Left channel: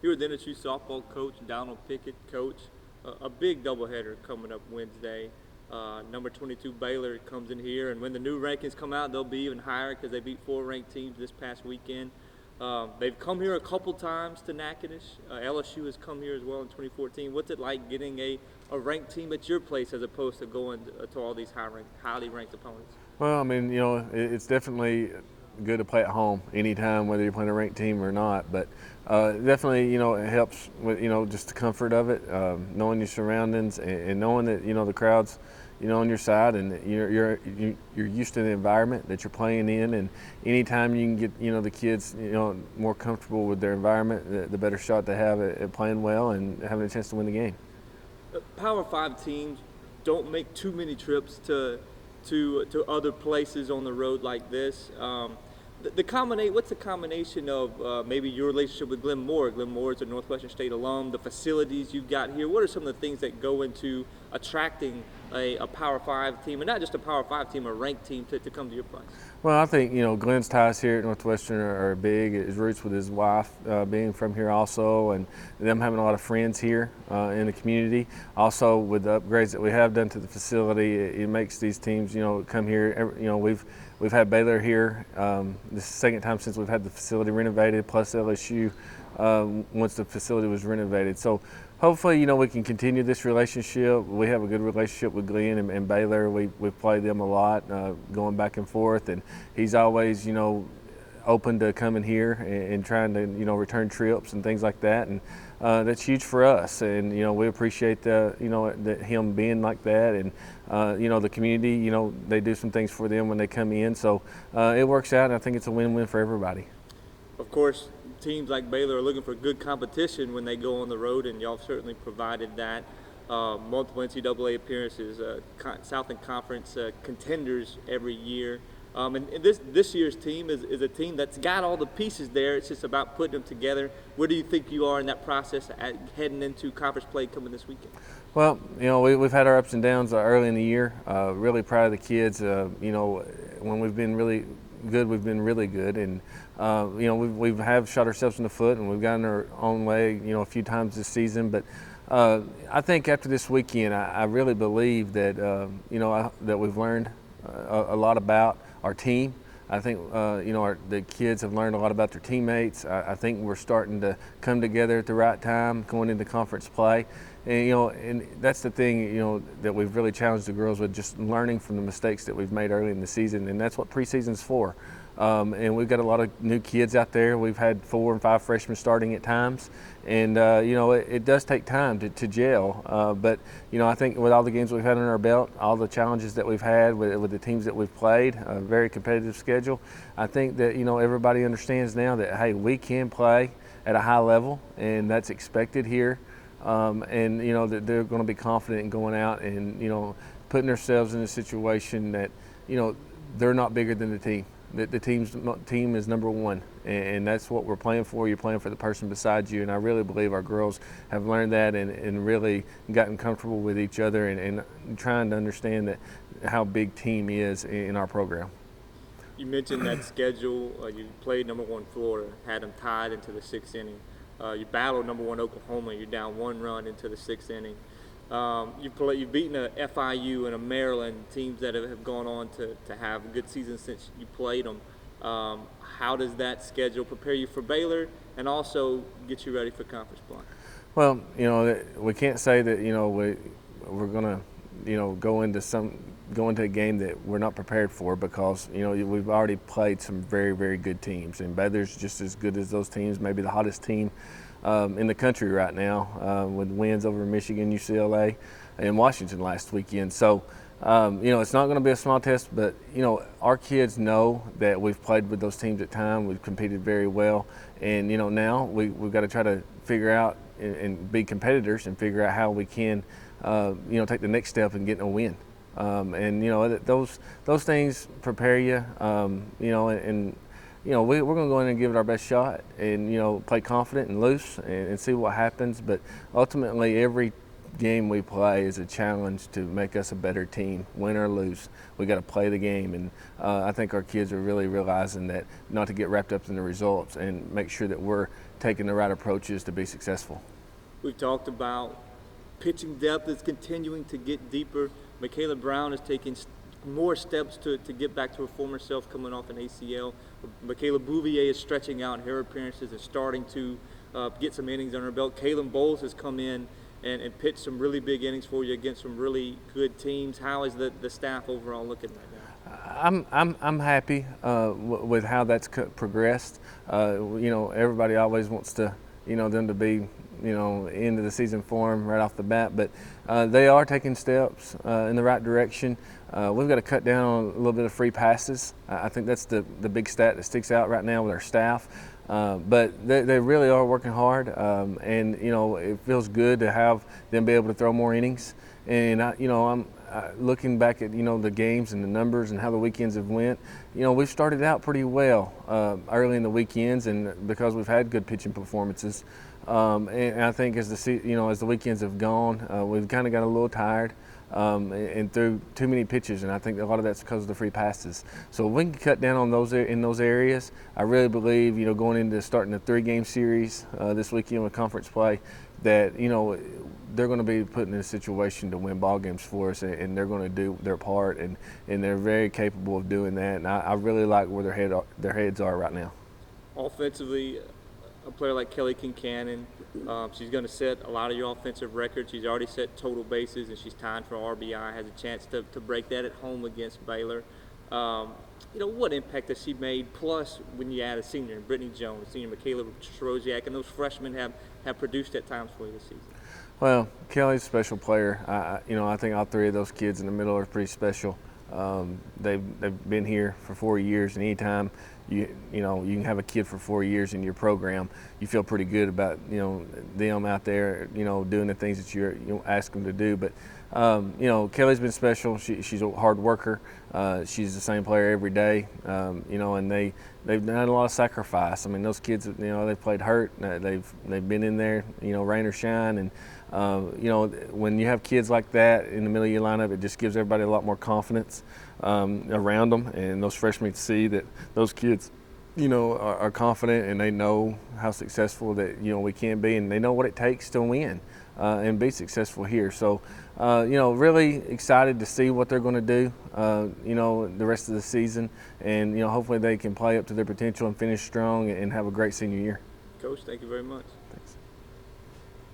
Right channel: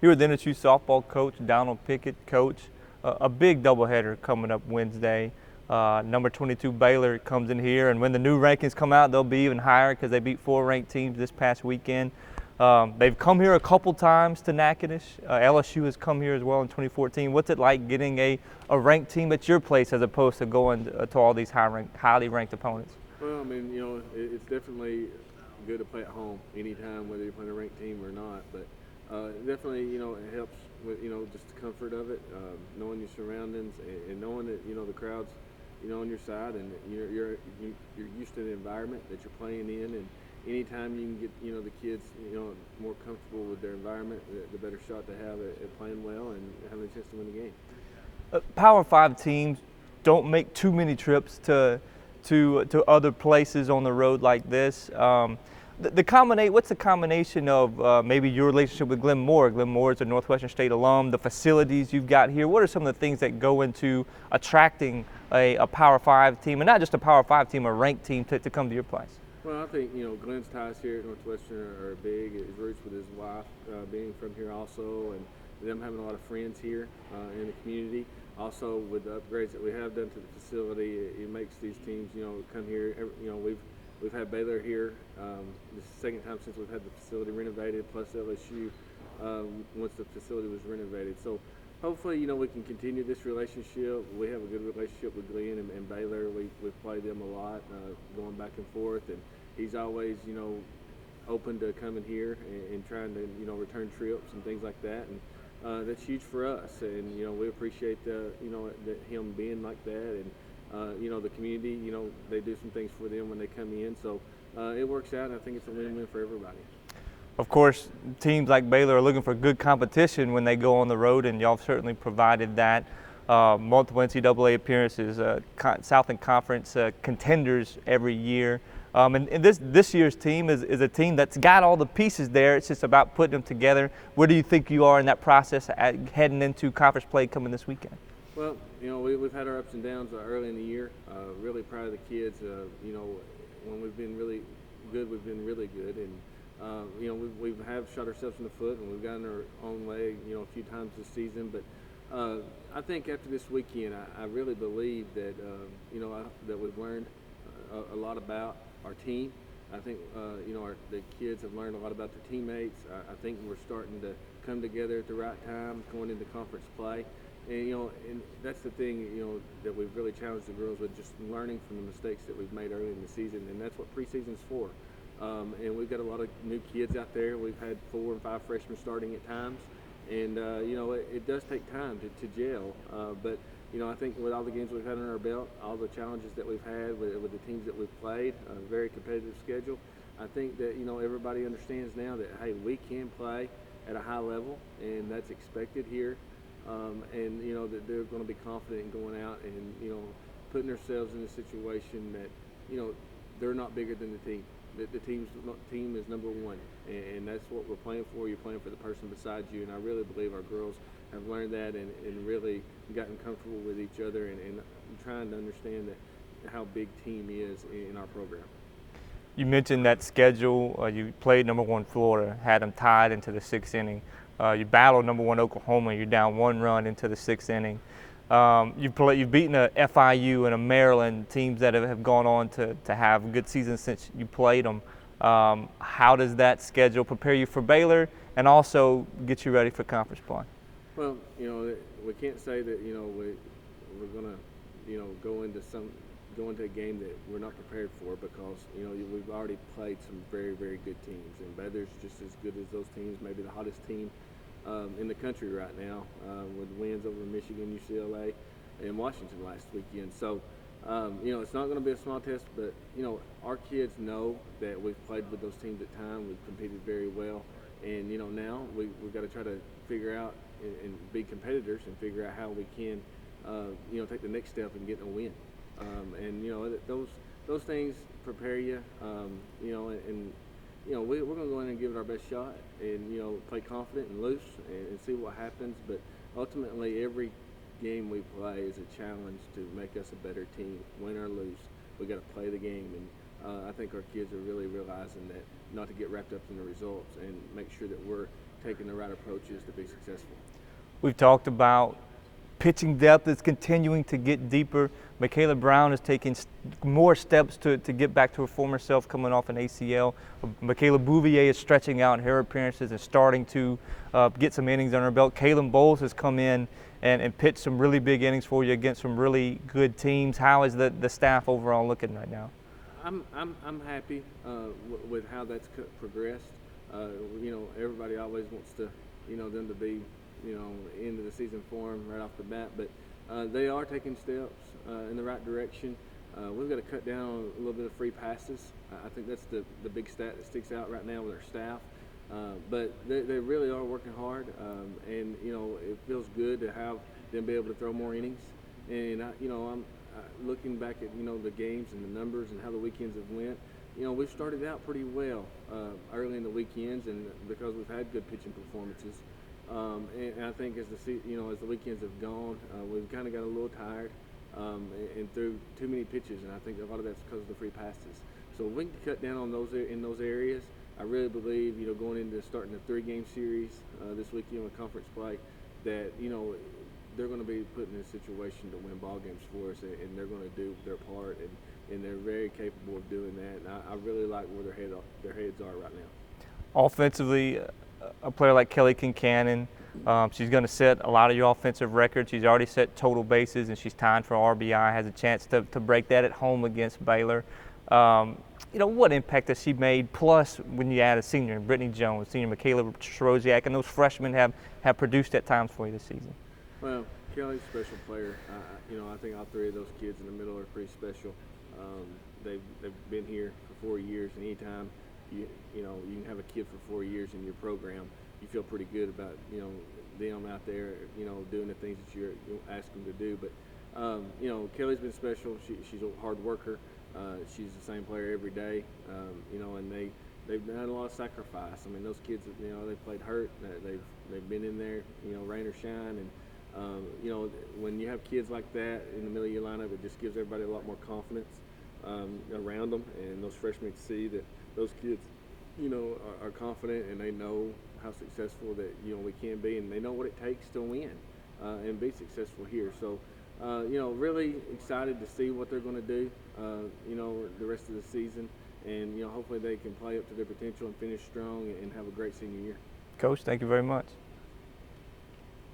Here with NSU softball coach Donald Pickett. Coach, a big doubleheader coming up Wednesday. Number 22 Baylor comes in here, and when the new rankings come out, they'll be even higher because they beat 4 ranked teams this past weekend. They've come here a couple times to Natchitoches. LSU has come here as well in 2014. What's it like getting a ranked team at your place as opposed to going to all these highly ranked opponents? Well, I mean, it's definitely good to play at home anytime, whether you're playing a ranked team or not. But definitely, it helps with, just the comfort of it, knowing your surroundings and knowing that, the crowd's, on your side, and you're used to the environment that you're playing in. And anytime you can get, the kids, more comfortable with their environment, the better shot they have at playing well and having a chance to win the game. Power 5 teams don't make too many trips to other places on the road like this. What's the combination of maybe your relationship with Glenn Moore? Glenn Moore is a Northwestern State alum, the facilities you've got here. What are some of the things that go into attracting a Power 5 team, and not just a Power 5 team, a ranked team to come to your place? Well, I think, Glenn's ties here at Northwestern are big. His roots with his wife being from here also, and them having a lot of friends here in the community. Also, with the upgrades that we have done to the facility, it makes these teams, come here. We've had Baylor here. This is the second time since we've had the facility renovated, plus LSU once the facility was renovated. So hopefully, we can continue this relationship. We have a good relationship with Glenn and Baylor. We've played them a lot, going back and forth, and he's always, open to coming here and trying to, return trips and things like that. And that's huge for us, and we appreciate him being like that. And the community, they do some things for them when they come in, so it works out, and I think it's a win-win for everybody. Of course, teams like Baylor are looking for good competition when they go on the road, and y'all have certainly provided that. Multiple NCAA appearances, Southland Conference contenders every year. And this year's team is a team that's got all the pieces there. It's just about putting them together. Where do you think you are in that process heading into conference play coming this weekend? Well, we've had our ups and downs early in the year. Really proud of the kids. When we've been really good, we've been really good. And, we have shot ourselves in the foot, and we've gotten our own way, a few times this season. But I think after this weekend, I really believe that, that we've learned a lot about our team. I think, the kids have learned a lot about their teammates. I think we're starting to come together at the right time going into conference play. And, and that's the thing, that we've really challenged the girls with, just learning from the mistakes that we've made early in the season. And that's what preseason's for. And we've got a lot of new kids out there. We've had 4 and 5 freshmen starting at times. And, it does take time to gel. But, I think with all the games we've had on our belt, all the challenges that we've had with the teams that we've played, a very competitive schedule, I think that, everybody understands now that, hey, we can play at a high level, and that's expected here. And, that they're going to be confident in going out and, putting themselves in a situation that, they're not bigger than the team. The team is number one, and that's what we're playing for. You're playing for the person beside you, and I really believe our girls have learned that and really gotten comfortable with each other and trying to understand that how big team is in our program. You mentioned that schedule. You played number 1 Florida, had them tied into the 6th inning. You battled number 1 Oklahoma. You're down 1 run into the 6th inning. You've beaten a FIU and a Maryland, teams that have gone on to have a good season since you played them. How does that schedule prepare you for Baylor and also get you ready for conference play? Well, we can't say that we're going to go into a game that we're not prepared for, because we've already played some very, very good teams, and Baylor's just as good as those teams, maybe the hottest team in the country right now, with wins over Michigan, UCLA, and Washington last weekend. So, it's not going to be a small test, but, our kids know that we've played with those teams at times. We've competed very well. And, now we've got to try to figure out and be competitors and figure out how we can, take the next step and get a win. And, those things prepare you, and we're going to go in and give it our best shot and, play confident and loose and see what happens. But ultimately, every game we play is a challenge to make us a better team, win or lose. We got to play the game, and I think our kids are really realizing that, not to get wrapped up in the results and make sure that we're taking the right approaches to be successful. We've talked about pitching depth is continuing to get deeper. Michaela Brown is taking more steps to get back to her former self coming off an ACL. Michaela Bouvier is stretching out in her appearances and starting to get some innings under her belt. Kaylin Bowles has come in and pitched some really big innings for you against some really good teams. How is the staff overall looking right now? I'm happy with how that's progressed. Everybody always wants to, them to be, into the season form right off the bat, but they are taking steps in the right direction. We've got to cut down on a little bit of free passes. I think that's the big stat that sticks out right now with our staff. But they really are working hard, and it feels good to have them be able to throw more innings. And I'm looking back at the games and the numbers and how the weekends have went. We've started out pretty well early in the weekends, and because we've had good pitching performances. And I think as the weekends have gone, we've kind of got a little tired and threw too many pitches, and I think a lot of that's because of the free passes. So if we can cut down on those in those areas, I really believe going into starting a 3-game series this weekend with conference play, that they're going to be put in a situation to win ball games for us, and they're going to do their part, and they're very capable of doing that. And I really like where their heads are right now. Offensively, a player like Kelly Kincannon, she's going to set a lot of your offensive records. She's already set total bases, and she's tied for RBI, has a chance to break that at home against Baylor. What impact has she made? Plus, when you add a senior, Brittany Jones, senior Michaela Shrosiak, and those freshmen have produced at times for you this season. Well, Kelly's a special player. I think all 3 of those kids in the middle are pretty special. They've been here for 4 years, and anytime you can have a kid for 4 years in your program, you feel pretty good about them out there doing the things that you ask them to do. But Kelly's been special. She's a hard worker. She's the same player every day. And they've done a lot of sacrifice. I mean, those kids, they've played hurt. They've been in there, rain or shine. And when you have kids like that in the middle of your lineup, it just gives everybody a lot more confidence around them, and those freshmen see that those kids, are confident, and they know how successful that we can be, and they know what it takes to win and be successful here. So, really excited to see what they're going to do, the rest of the season, and hopefully they can play up to their potential and finish strong and have a great senior year. Coach, thank you very much.